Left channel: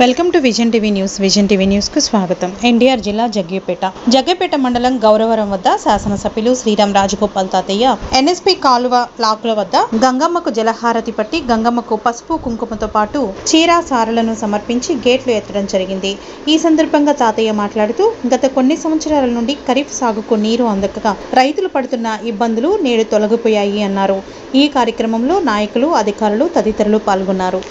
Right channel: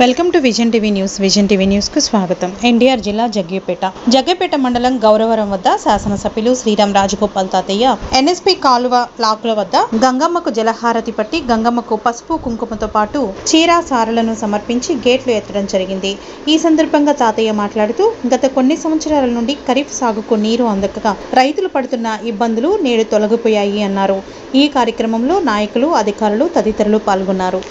Welcome to vision TV news. Vision TV news కు స్వాగతం. ఎన్టీఆర్ జిల్లా జగ్గేపేట మండలం గౌరవరం వద్ద శాసనసభ్యులు శ్రీరామ్ రాజగోపాల్ తాతయ్య ఎన్ఎస్పీ కాలువ లాకుల వద్ద గంగమ్మకు జలహారతి పట్టి గంగమ్మకు పసుపు కుంకుమతో పాటు చీర సారలను సమర్పించి గేట్లు ఎత్తడం జరిగింది. ఈ సందర్భంగా తాతయ్య మాట్లాడుతూ గత కొన్ని సంవత్సరాల నుండి ఖరీఫ్ సాగుకు నీరు అందక రైతులు పడుతున్న ఇబ్బందులు నేడు తొలగిపోయాయి అన్నారు. ఈ కార్యక్రమంలో నాయకులు, అధికారులు తదితరులు పాల్గొన్నారు.